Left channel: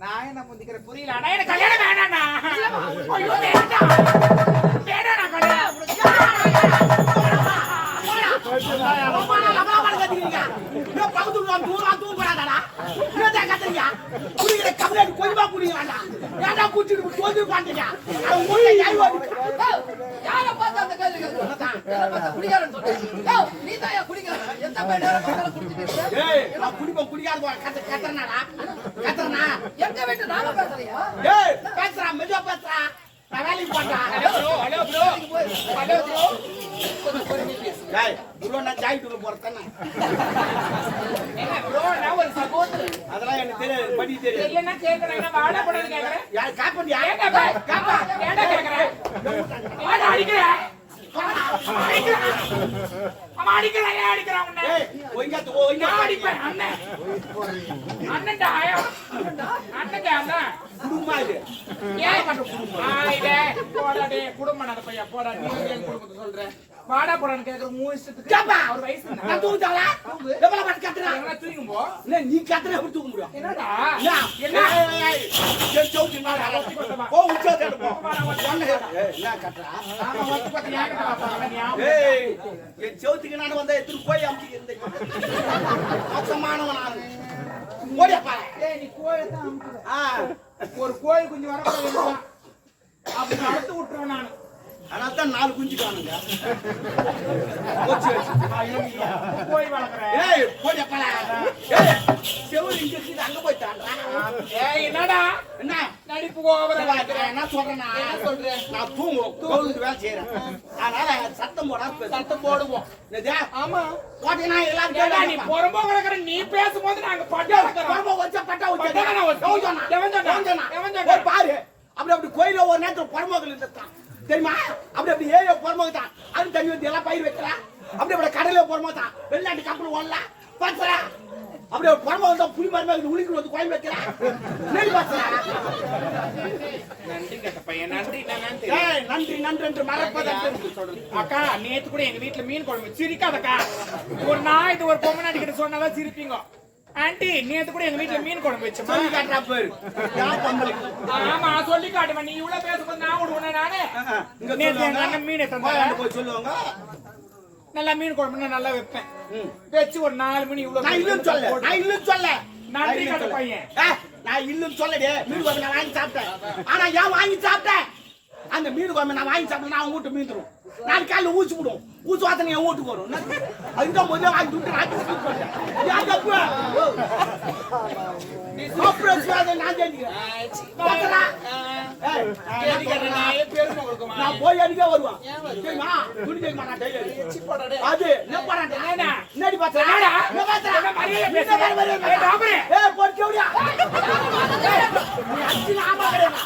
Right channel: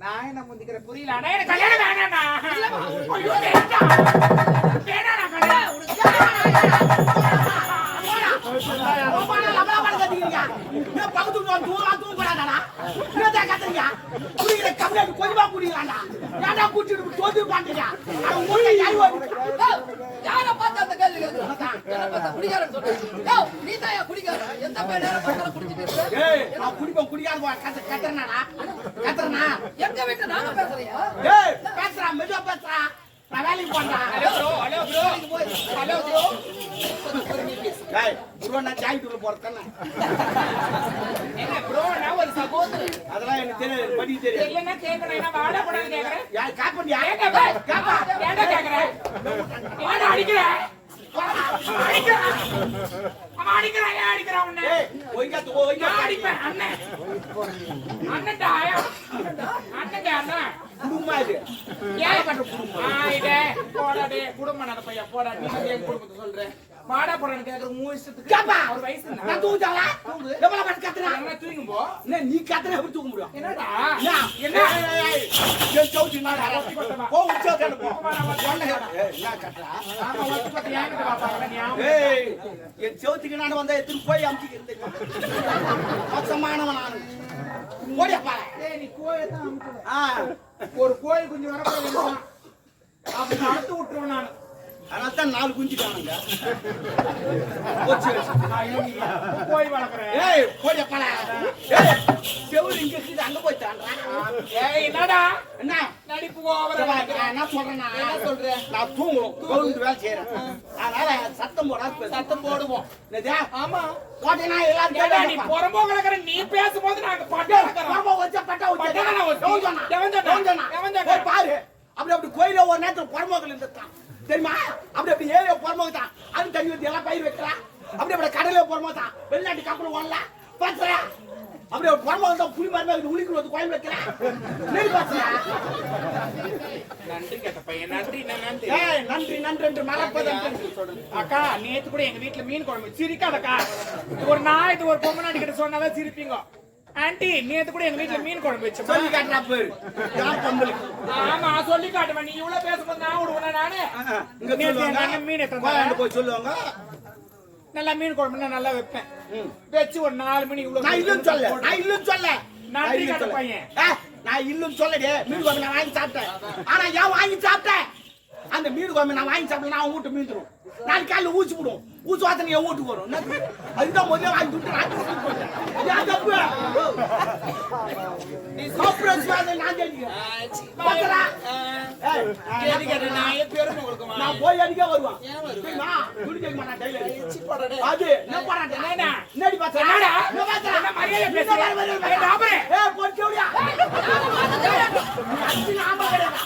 நான் என்ன முந்திக்கிற புரியல. எனக்கு கல்யாணம் வேணாண்ணா ஐயோ வேண்டாம் வேணாண்ணா கல்யாணம் யாரை பார்த்து அந்த கேள்வி கேட்கிறோம்? யாரை பார்த்தா குடிகாரன்னு சொல்றேன்? யோவ், நீதான்யா குடிகாரன். எந்த பையன் நேரம் பார்த்தாலும் குடிச்சிட்டு இருக்க? எங்க வீட்டு நாங்க பேசுறியா? Hello bro hello bro hello bro என்ன ப்ரோ நான் ஒரு சகோதரன் அதெல்லாம் எனக்கு தெரியாது படி தெரியாது இல்லைன்னா நான் வாடா யார் பண்ணி ஏன்டா ஏன்டா கேக்குறேன்? ஏன்டா அடிக்கிற? அடிக்கிறான். அவன் அடிக்கிறான், ஏன் அடிக்கிறான் உன்னை? ஒய்யாத்து ஒய்யா நான் அடிப்பேன், அண்ணன். அண்ணன்டா, அண்ணன்டா, அண்ணன். குடும்பமா இது ஏன்? ஆ, இதே, போடா டேய், குடும்பம் நடத்த பையா, போடா, நீ என் குடும்பத்தை சொல்ற. வாடா போடான்னு கேக்குற உன் இஷ்டத்துக்கு. அவர் வயசு என்ன? நான் தூங்கிட்டாளா எவ்வளவு பண்ணி கத்துறா எங்கன்னா தூங்கும் போ. என்ன நீ கத்துற எப்படி தூக்க முடியும் என்னடா? என்ன? என்ன? ஏய், என் சவுத்து நான் கொத்தமா. போ உச்சா போ என்ன கத்துறா ஆமா. ஏய் என் வந்த எத்தனை போய் மோசமானவன் நான் ஒரு கோழி குஞ்சு வரக்கூடாது அப்படி அறுத்து விட்டுருவேன் நான். அதனால தான் நாலு குஞ்சு காணுங்க. வளர்க்குறேன். ஏய் பாரு ஏய் செவுரு இங்க அங்க போய் தாண்டா. ஏய் என்னடா? என்ன? நடிப்பு என்ன சொல்றேன் நான் என்ன சொல்ற? நான் தூங்குவோம். தூங்கிட்டு வேலை செய்யறேன் அதனால சத்தம் போடா சத்தம் போடுவோம்? ஆமா. போட்டீங்கன்னா நீ. புறம்போ கிடக்குற நீ பேசும்போது நாங்க பட்டு வச்ச பட்டா வச்ச. பாரு. அப்படி அப்படி கோயில ஒரு நேரத்துல புறமோகல் இருந்துட்டான். தெரியுமா? அப்படி அப்படி ஏரியா புறமோக தான் அது தண்ணி வந்து எல்லாம் பயிர் வைக்கிறான். அப்படி அப்படி கடல புறமோ தான் வெளிநாட்டு கப்பல் ஓடலாம். அப்படி ஒரு புறமோக தான் புளி மருந்து உளிக்கு வந்து கோயில் வைக்கிறான் நெல் பாத்துறா நன்றி கேட்ட பையன். நன்றி நான் நன்றி? ஏய் நன்றி நன்றி என்று மறப்பதன்று அக்கா நேத்து கூட எங்க வீட்டுல மீன் குழம்பு சிரிக்காதக்கா. ஒரு நாள் இது ஒரு பொம்மை கிட்ட சொன்னாதான் சிரிப்பீங்க. ஆண்டி நேத்து கூட எங்க வீட்டுல மீன் குழம்பு வச்சோமா. சொல்லி காட்டுறா பேரு. ஆமா சொல்லி காட்டுவேன். நீ இவ்வளவு பேசும்போது நான் விடுவேன் நானு? மீன். போய் சொல்லுவாங்க. நல்லா மீன் குழம்பு நான் நல்லா வைப்பேன். வச்சு ஒரு நாலு மணி இவ்வளவு நான் இல்லுன்னு சொல்ல நான் இல்லுன்னு சொல்ல நான் கட்ட. பையன். நான் இல்லுன்னு சொல்லடே மீன் குழம்பு நான் வாங்கி சாப்பிட்டேன் ஆனா ஏன் வாங்கி சாப்பிட்டேன் அந்த மீன் குழம்பு நான் வாங்கி சாப்பிடல அவன் வீட்டு மீன் தரும் நாளைக்கு காலையில ஊசி விடும் ஊசி வாத்தனை என் வீட்டுக்கு வரும்? அதுதான் முதல்ல வாங்கி விட்டு நான் வீட்டுக்கு போயிட்டேன் ஏன் தப்பு சொல்லாத நான் தெரிஞ்சுக்கிறேன். நான் போய் அடிக்க வருவான். தெரியுமா? துணி நான் அது என்ன என்னடா? மரியாதை நீ நாம கிடையாது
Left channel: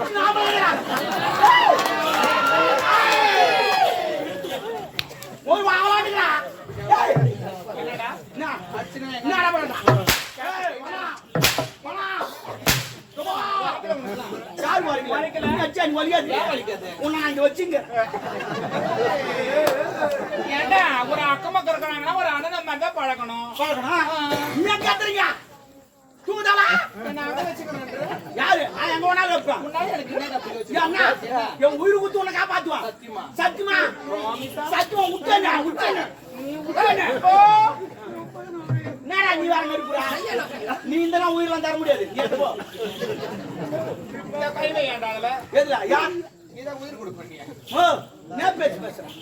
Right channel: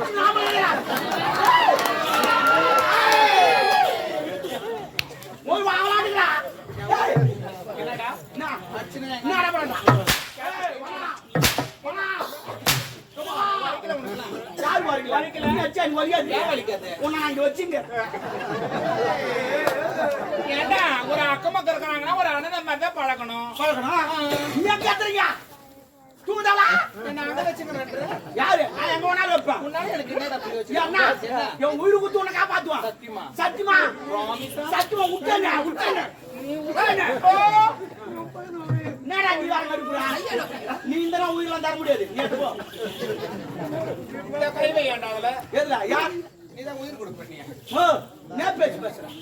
நீ நாம கிடையாது போய் வாங்கலாம்டா ஏய் என்னடா? என்ன என்னடா பண்ணா ஏய் வா வா கமா யார் வரீங்க நீ அடிச்சா நீ வலிக்காது. உன்னை நான் இங்க வச்சுங்க. ஏன்டா ஒரு அக்கம் பக்கம் இருக்கிறாங்கன்னா ஒரு அண்ணன் மாதிரி தான் பழகணும். பழகணும்? தூங்குதாவா? அங்க வச்சுக்கிறேன் யாரு? நான் எங்க வேணாலும் வைப்பேன்? ஏன் என் உயிர் குத்து உன்னை காப்பாத்துவான். சத்தியமா? சத்தியமா? சத்தியமா விட்டேன் விட்டேன் என்னடா நீ வேற நடிப்புறா நீ இந்த நாள் உயிரெல்லாம் தர முடியாது நீ எடுத்து போ யார் நீதான் உயிர் பேச்சு பேசுறேன்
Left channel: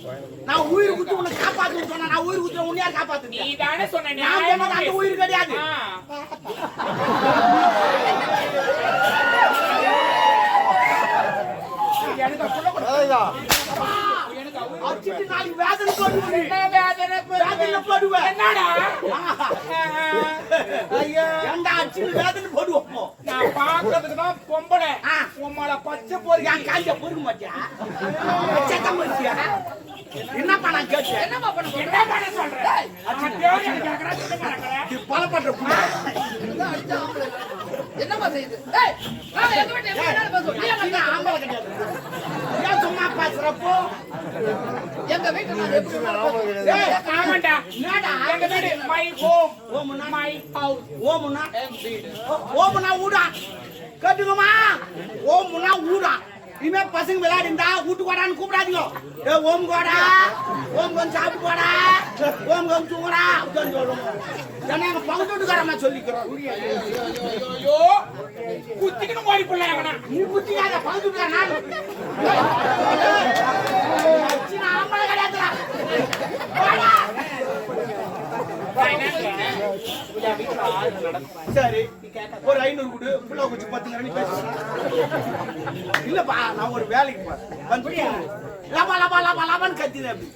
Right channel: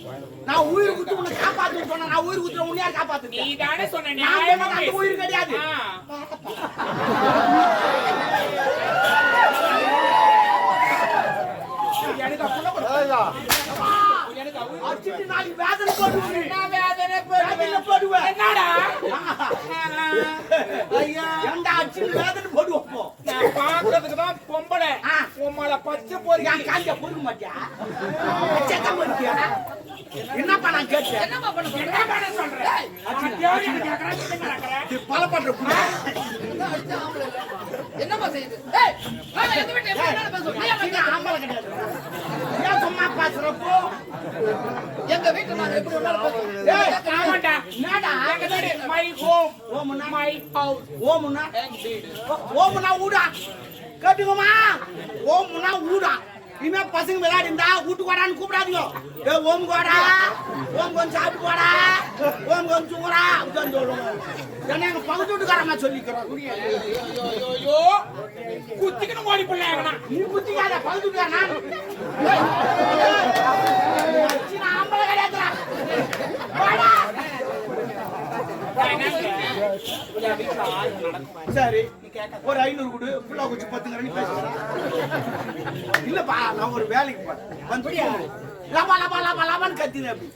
நான் உயிர் குத்து உன்னை காப்பாத்து சொன்னா நான் உயிர் குத்துற உன்னை யார் நீ தானே சொன்ன நான் அந்த உயிர் கிடையாது எனக்கு அப்படிலாம் எனக்கு நாளைக்கு வேதனை போட்டு என்ன வேதனை வேதனை பெறுவேன்? போடுவேன் என்னடா ஐயா ஏன்டா அடிச்சுட்டு வேதனை போடுவோம் போ நான் பாக்குறதுக்கு தான் உம்மள பச்சை போறீங்க என் காஞ்ச பொறுக்க மாட்டியா? செத்த மாட்டியா என்ன பண்ண கேட்டு? என்ன பண்ண சொல்ற? நான் தேவை எனக்கு கேக்குறேன், நீ என்ன நடக்கிற? இது பல பண்ற. என்னம்மா செய்யுது? நான் சும்மா பேசுறப்போ? எங்க வீட்டுல நாங்க எப்படி ஆமாண்டா. My home? மை ஹவுஸ் ஊடா. கேட்டுக்கோமா ஓம்னா ஊடா இனிமே பசங்க விளையாடிந்தா வீட்டுக்கு கோடான்னு கூப்பிடாதீங்க ஏ ஓம் கோடா ஓம் கொஞ்சம் சாப்பிட்டு போடா ஓம் கொஞ்சம் தூங்குடா அப்படின்னு சொல்லணும் ஏன்னா எங்க பகுதி வீட்டுக்காரமா சொல்லிக்கிறோம் குத்திக்கணும் ஓடி போடலாம் நீ குத்திக்காத பகுதி வீட்டுக்கார நான் நான் ஆம்பளை கிடையாதுடா சரி ஒரு ஐநூறு கொடு. புள்ள குச்சி பத்து மணி பேசுறேன் இல்லப்பா நான் ஒரு வேலைக்கு வந்து. லபா லபா லபா லபான்னு கத்தின அப்படி.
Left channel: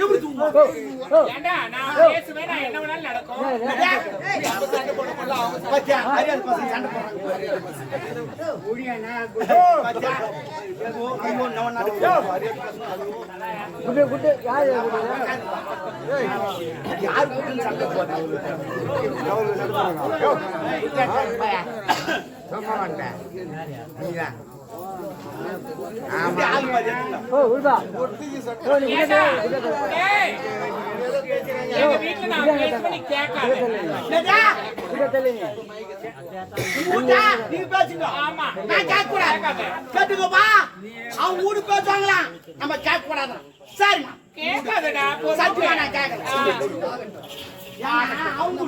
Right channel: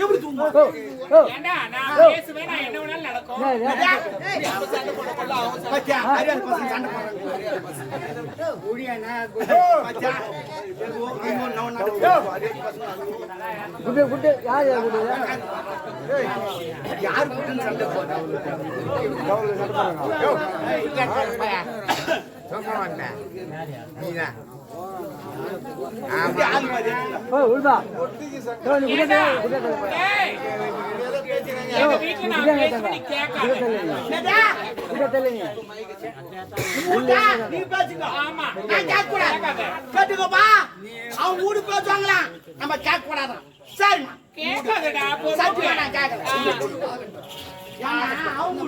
எப்படி தூங்கும் ஏண்டா நான் பேசுவேன் நான் என்ன வேணாலும் நடக்கும். நம்ம சண்டை போடக்குள்ள அவங்க சண்டை பாத்தியா ஹரியானா பசங்க சண்டை போடுறாங்க. ஏதோ நம்ம ஹரியானா பசங்க. யார் சண்டை போடுறாங்க எங்க வீட்டுல நான் பேசுவேன் நீ கேட்காத நீங்க பேசுங்க. ஆமா. நான் கேட்கக்கூடாது. கேட்காத. கேட்டுக்கோப்பா. அவன் ஊரு நம்ம சரிம்மா. கேட்காதடா சத்தியமா நான் கேட்கல. அவங்க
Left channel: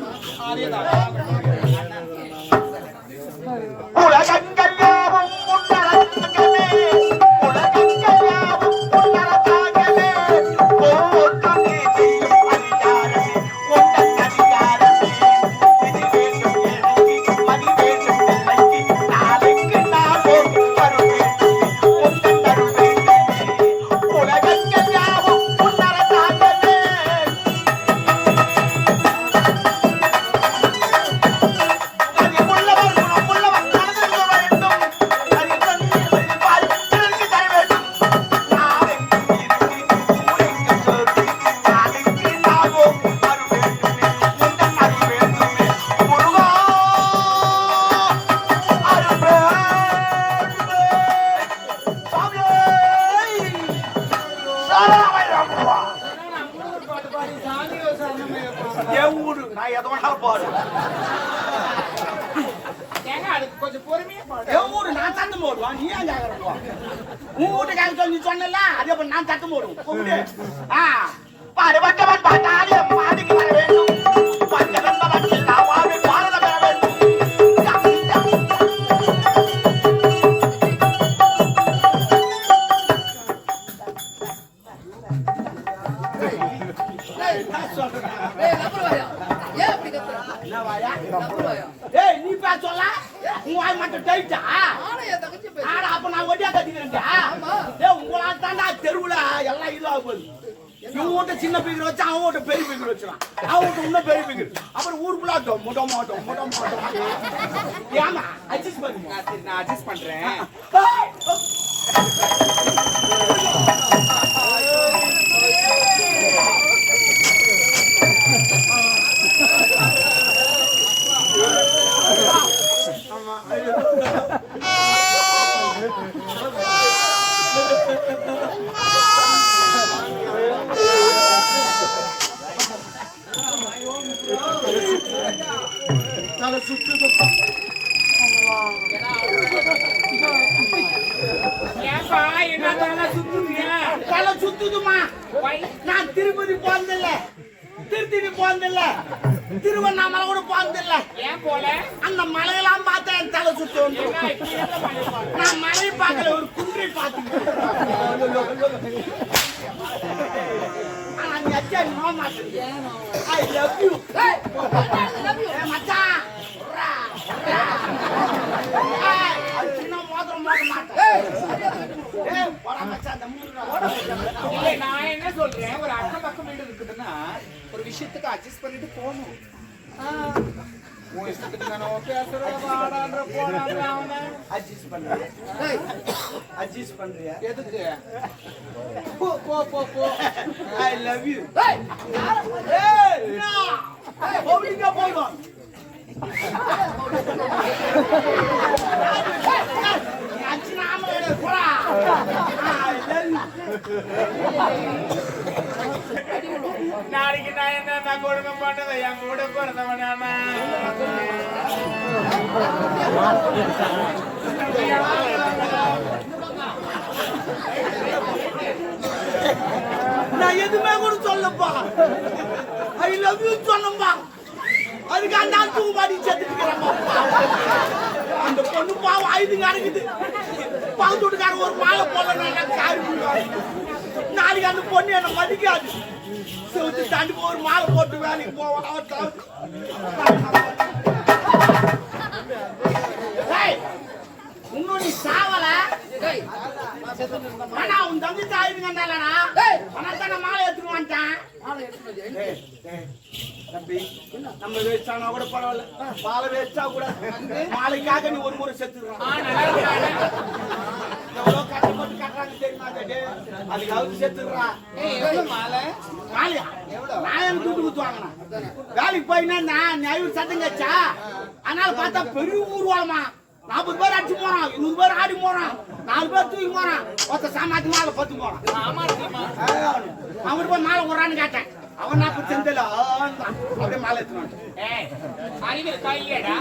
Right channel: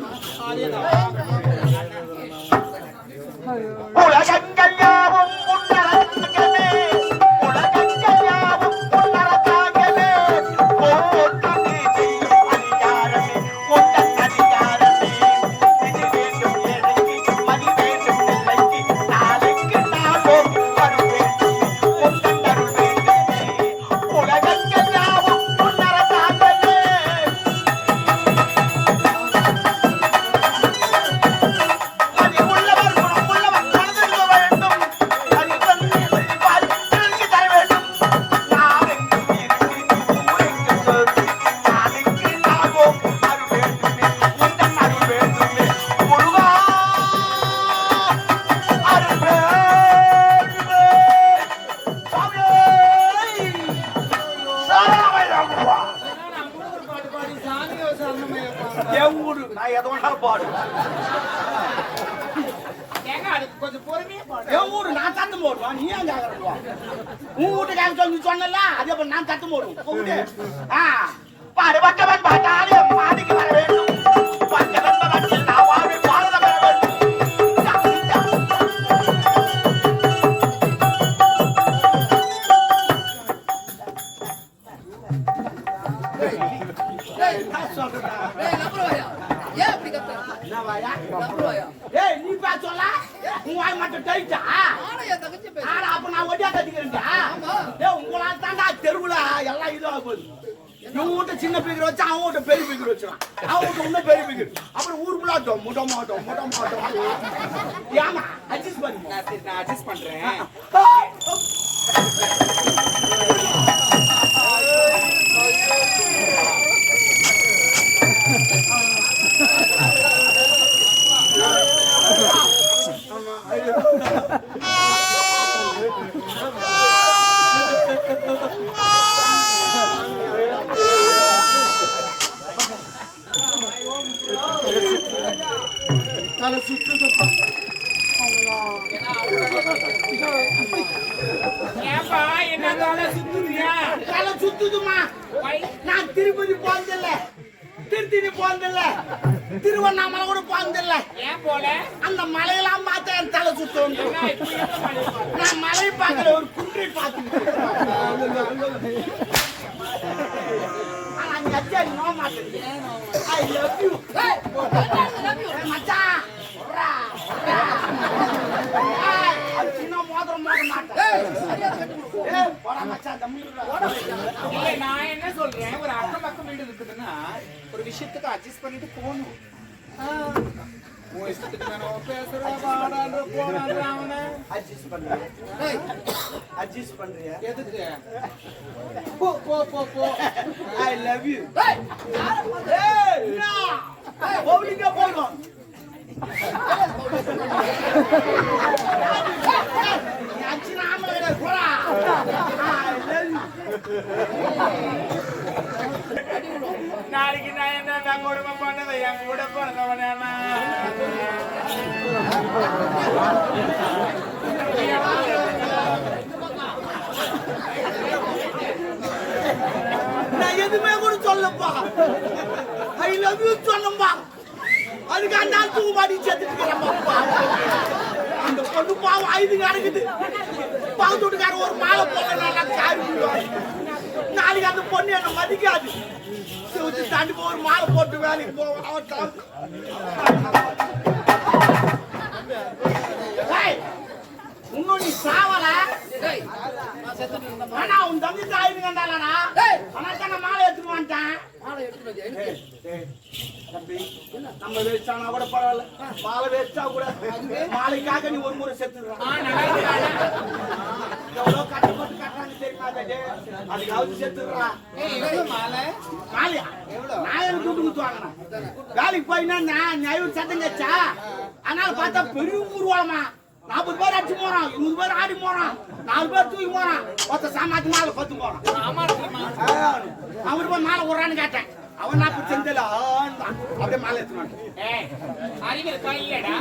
என் ஊரு. நான் எதை வேணாலும் பாடு. கொஞ்சம் பொறுமையா பாடு. என் ஊரு நான் தட்டு போடுவான் நீ ஏன் கேக்குறப்போ உன் சொல்லி சொன்னல அதே போல நான் தட்டு போடுவோம் ஆ. பாடுபட்டவன் பாட்டாளியம் பாடிக்கு வர வேண்டும். ஏய் நீ சொல்ல? உன் வாய் மட்டும் டைட்டா. ஆனா அப்ப நான் ஒட்டியா கட்டிக்கிறேன்டா. ஏய் உங்களா தாண்டா தெருவுல எல்லாம் இதுவா போகுது. இவன் வீட்டு சின்ன பீக்கர் வச்சு அவன் வீட்டு பெரிய பீக்கர் வச்சுறான். அவன் வீட்டு இன்னும் பெரிய பீக்கர் அப்புறம் ஊருக்குள்ள முட மாட்டோம் முட மாட்டோம் ஏமா அட்ஜஸ்ட் பண்ணு நான் சரி நான் அட்ஜஸ்ட் பண்றேன் ஏய், ஏப்பா என்ன தலை சுத்துறியா தலை சுத்துதுமா வை நான் திருப்பதி போனதில்ல திருத்தணி போனதில்ல. திருவண்ணாமலை கூட போனதில்ல. ஏன் போல? அந்த மலையெல்லாம் பார்த்தா என் தலை சுத்தும். நான் மலை பார்க்கல ஒரு குன்றை ஏய், என்னது love you? சின்ன மோதிரம் மாட்டேன். நான் என்ன சொல்றேன்? ஒரு அக்கம் பக்கம் வீடு இருக்குதுன்னா ஒரு விஷயத்துக்கு அட்ஜஸ்ட் பண்ணிட்டு போகணும். எதுக்கு? போ போ போ போ. ஐ லவ் யூ ஏய், நாளைக்கு நான் என்ன குடும்பம் பண்ணது என் கூட பிறந்தவனா நான்? எதுவுமே கூட சொல்லப்பா. ஐ லவ் யூ சொல்லும்பா. அதுக்கு அந்த ஆள் தூக்கு அந்த பொண்ணு பாவம் ஐந்து நடக்குது பாவத்தோட்டுக்கார ஒரு மாலை போடலாம் காரி நாளைக்கு அந்த பொண்ணு என்ன மதிக்காது செவத்து தாண்டி ஒரு மாலை போட்டு வேலைக்கு போவான் இன்னும் நீ சாவல நான் ஆனா உன் தம்பி தாயிருங்கண்டாலனா ஏய். தானே மாலை எடுத்துட்டு வந்துட்டான். எடுத்துட்டு? தம்பி நம்ம வேஸ்டானா கூட பரவாயில்ல. மாலை வேஸ்டா கூட. மாலைக்காக நீ ஒரு முறை செத்துடுறான். எவ்வளவு கஷ்டப்பட்டு கட்டுறாங்க தெரியுமா அது அதுக்காவது செத்துடுறான் மாலை? மாலையா? நான் துட்டு குத்து வாங்கினேன். வேலைக்கு போயினா நான் நியாயம் சத்தம் கச்சா அதனால பார்த்தா பெரிய ஊர்வலமா. நாற்பது பேர் அடிச்சு போறான் இருபது பேர் ஆடி போறான் நாலு பேர் தூக்கி போறான் ஒருத்த சாமாத்தி மாலை பத்து போறான். அவன் போய் மாலை விடுறான்னு கேட்டேன். அவன் நான் இப்ப செஞ்சல? அப்படியே மாலை எடுத்துனான் இருக்கா இல்லையாடா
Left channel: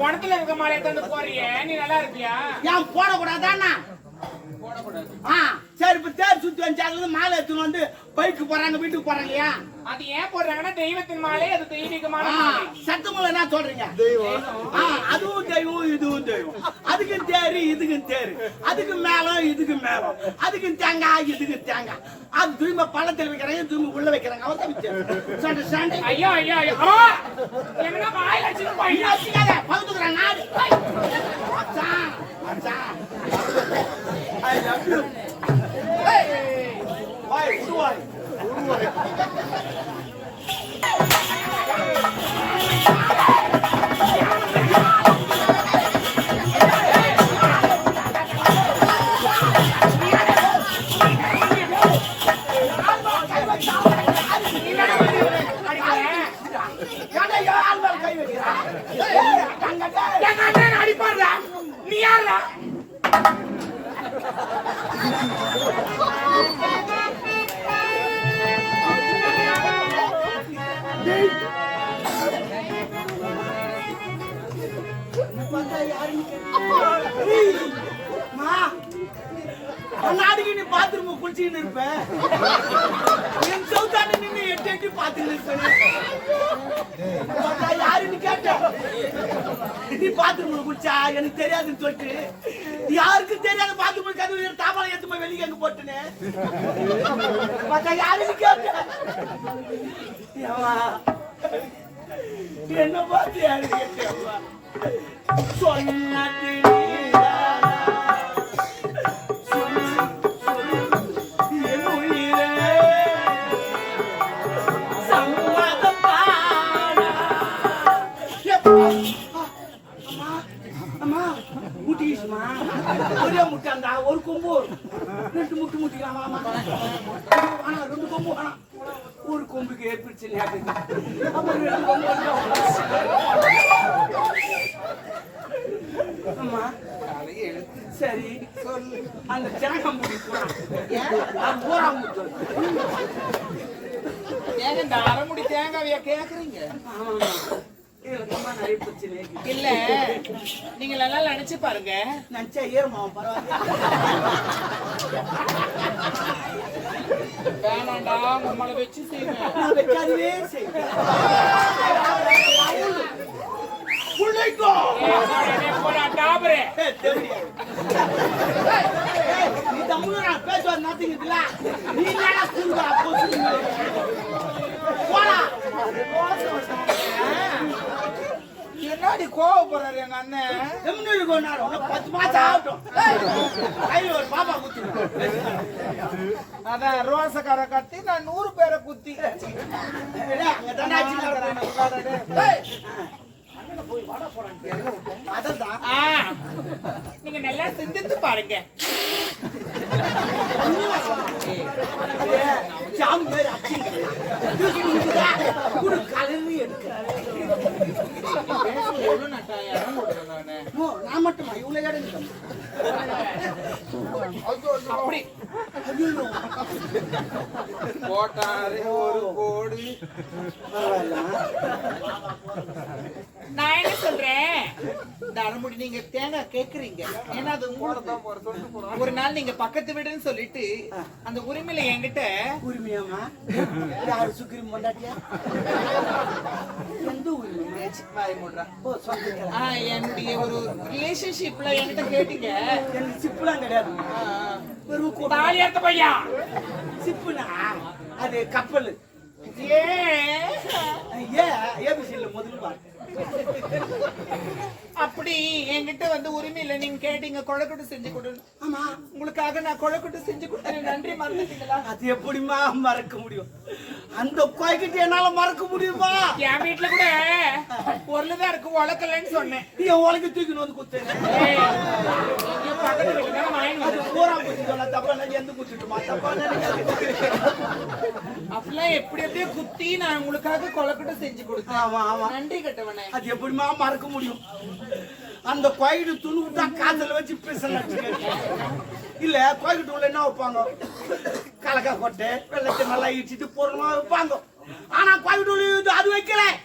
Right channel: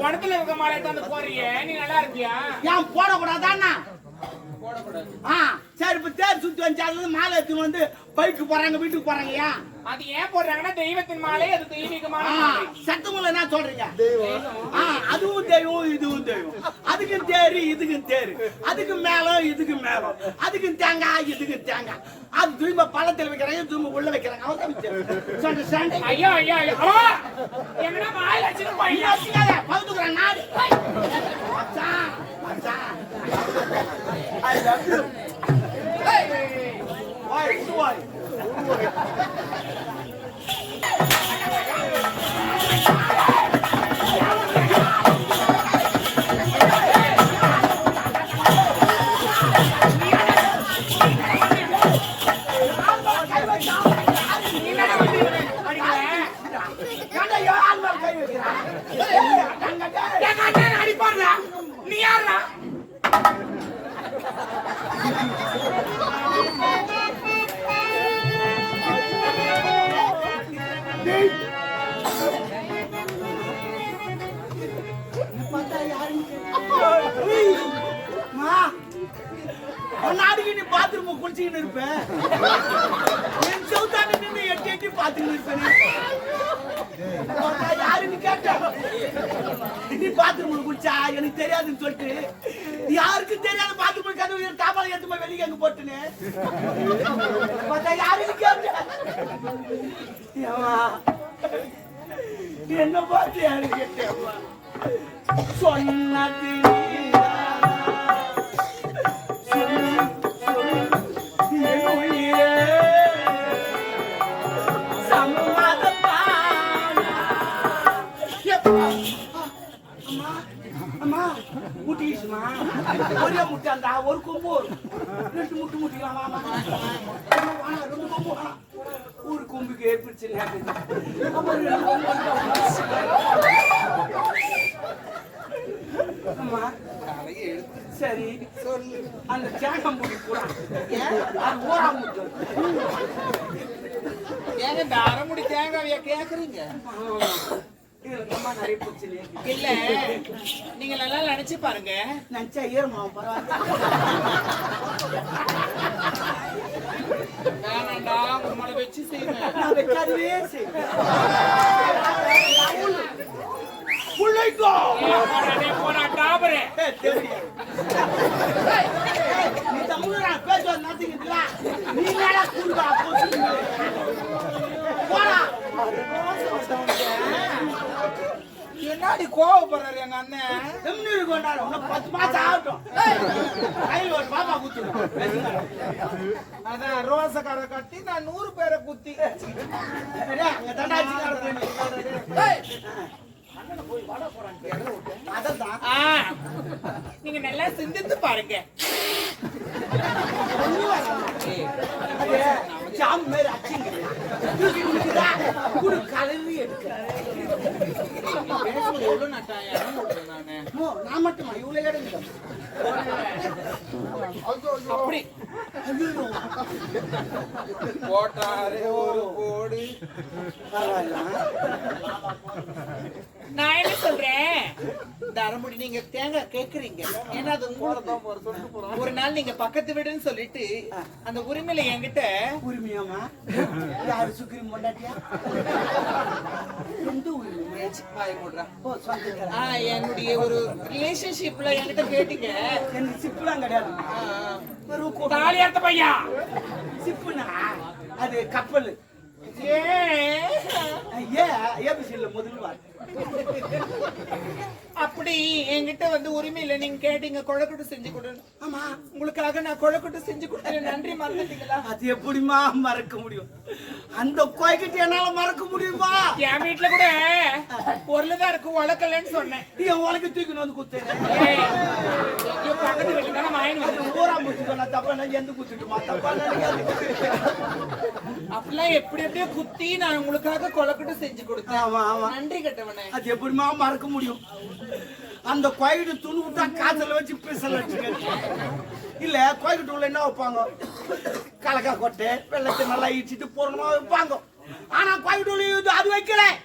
படத்துல இருக்க மாலையை தந்து போறியே நீ நல்லா இருப்பியா? ஏன் போடக்கூடாதாண்ணா? ஆ. சரி இப்ப தேர் சுத்தி வந்து மாலை எடுத்துன்னு வந்து பைக்கு போறாங்க வீட்டுக்கு போறாங்க ஏன் அது ஏன் போடுறாங்கன்னா தெய்வத்தின் மாலை அது தெய்வீகமான சத்தமுள்ள என்ன சொல்றீங்க ஆ, அதுவும் தெய்வம் இதுவும் தெய்வம் அதுக்கும் தேரு இதுக்கும் தேரு அதுக்கு மேலம் இதுக்கு மேலம் அதுக்கும் தேங்காய் இதுக்கு தேங்காய் அது தூய்மை பள்ளத்தில் வைக்கிறாங்க தூய்மை உள்ள வைக்கிறாங்க அவன் சண்டை. ஐயோ ஐயோ ஐயோ! எங்கடா வாயில? வச்சுக்காத, பகுத்துக்கிறான் நாடு. மச்சான், மச்சான். I love you. உருவாய் யாருன்னு கேட்டேன் நீ பாத்ரூம் குடிச்சா எனக்கு தெரியாதுன்னு சொல்லிட்டு. யாருக்கும் தெரியாத பாத்ரூம் கதவு தாபால எடுத்து போய் வெளியே எங்க போட்டுனே பார்த்தா யாருன்னு கேட்டேன் என்ன பார்த்து யாரு கேட்டேன் சொன்னது நீதானா? ஒரே முட்டாண்டா ஒரு கொம்பு. ரெண்டு முட்டு முட்டிக்கலாம் ஆனா ரெண்டு கொம்பு வேணாம். ஒரு கொம்புக்கு ஏற்படுச்சு அப்புறம் ரெண்டு கொம்பு அம்மா. சரி. சொல்லு அந்த தேங்காய் மூடி பூரா அது பூரா முட்டு ஏங்க இந்த அரைமுடி தேங்காவையா கேக்குறீங்க? இல்ல நீங்க நல்லா நினைச்சு பாருங்க. நினைச்சா ஏறுமாவும் பரவாயில்ல. வேணாண்டா உங்களை வச்சு போடா. என்னடா கோவப்படுறாரு எங்க அண்ணன் எம்னு கொண்டாடு உனக்கு பத்து மாசம் ஆகட்டும் கையில் ஒரு பாப்பா குத்துடும் அதான் ரோசக்கார கட்டி நான் நூறு பேரை குத்தி. நீங்க நல்லா சிந்தித்து பாருங்க. ஜாம் மாதிரி கலரி எடுக்கிறாரு நான் மட்டுமா இவ்வளவு கிடைக்கும் அப்படி போட்டாரு ஒரு போடு நான் என்ன சொல்றேன்? தரமுடி நீங்க தேங்காய் கேக்குறீங்க. ஏன்னா அது உங்களுக்கு ஒரு நாள் நீங்க பக்கத்து வீடுன்னு சொல்லிட்டு அந்த உரிமையில என்கிட்ட உரிமையாமா யாரு சுக்ரீம் பொண்டாட்டியா? எந்த உரிமை? என்னுடைய ஒரு ரிலேஷன்ஷிப்ல என்கிட்ட கேட்டீங்க. எனக்கு சிப்புலாம் கிடையாது வெறும் கோ- தாலி அறுத்த பையா? சிப்புனா? அது கப்பல். ஏன்? ஏ ஏபிசியில் முதல் வார்த்தை அப்படி என்கிட்ட வந்து உரிமை இல்ல. நீங்க கேட்டீங்க கொழக்கட்டு செஞ்சு கொடுன்னு. ஆமா. உங்களுக்காக நான் கொழக்கட்டு செஞ்சு கொடுத்தேன். நன்றி மறந்துட்டீங்களா? அது எப்படிமா மறக்க முடியும்? அந்த கோய்கிட்ட என்னால மறக்க முடியுமா? என் வீட்டுல கூட பொருள் தான் இருக்கு உழக்கலன்னு சொன்னேன். நீ உலக தூக்கின்னு வந்து குத்தேன் பக்கத்து வீட்டுல அது வந்து ஊரா போச்சு சொன்னா தப்பா எந்த குத்துட்டுமா? தப்பா அப்படிலாம் எப்படி எப்படியோ குத்தி நான் உங்களுக்காக கொழக்கட்டு செஞ்சு கொடுத்தேன். நன்றி கட்டவனே. அது எப்படிமா மறக்க முடியும்? அந்த கோயிட்டு துணி விட்டா காதல வச்சு பேசலாம். இல்ல கோயிட்டு உள்ள என்ன வைப்பாங்க? கலக்கா கொட்டை வெள்ளத்தை நல்லா இடிச்சிட்டு பூர்ணமா வைப்பாங்க. ஆனா கோயிட்டு அது வைக்கிறேன்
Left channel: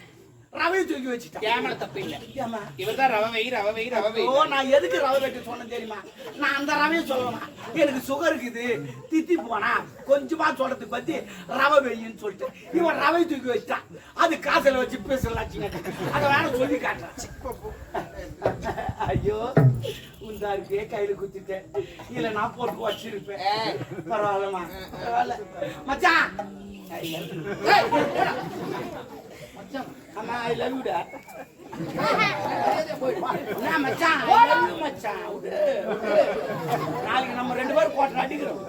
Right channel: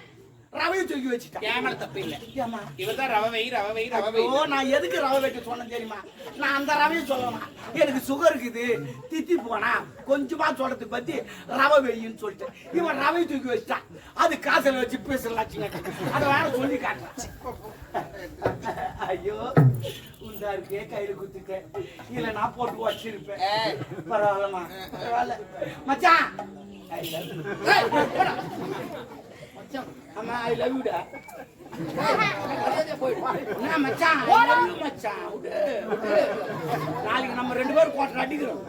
ரவையை தூக்கி வச்சுட்டேன் கேமரா தப்பு இல்ல. ஏம்மா? இவர்தான் ரவை வை ரவை வை ரவை வை நான் எதுக்கு ரவை வைக்க சொன்னேன் தெரியுமா? நான் அந்த ரவையை சொல்லலாம் எனக்கு சுகர் இருக்குது. தித்தி போனா கொஞ்சமா சொல்றதுக்கு பத்தி ரவை வெயின்னு சொல்லிட்டு. இவன் ரவை தூக்கி வச்சுட்டான். அது காசுல வச்சு பேசலாச்சுங்க அதை வேற சொல்லி காட்டுறான். ஐயோ உண்டா இருக்கே கையில குத்திட்டேன். இல்ல நான் போட்டு வச்சிருப்பேன் பரவாயில்லம்மா. பரவாயில்ல. மச்சான். I love ஐ லவ் யூடா நாளைக்கு நம்ம ரெண்டு பேரும் கோட்டை அடிக்கிறோம்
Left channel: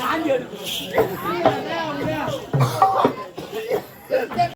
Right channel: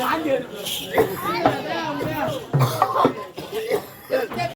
வாங்கி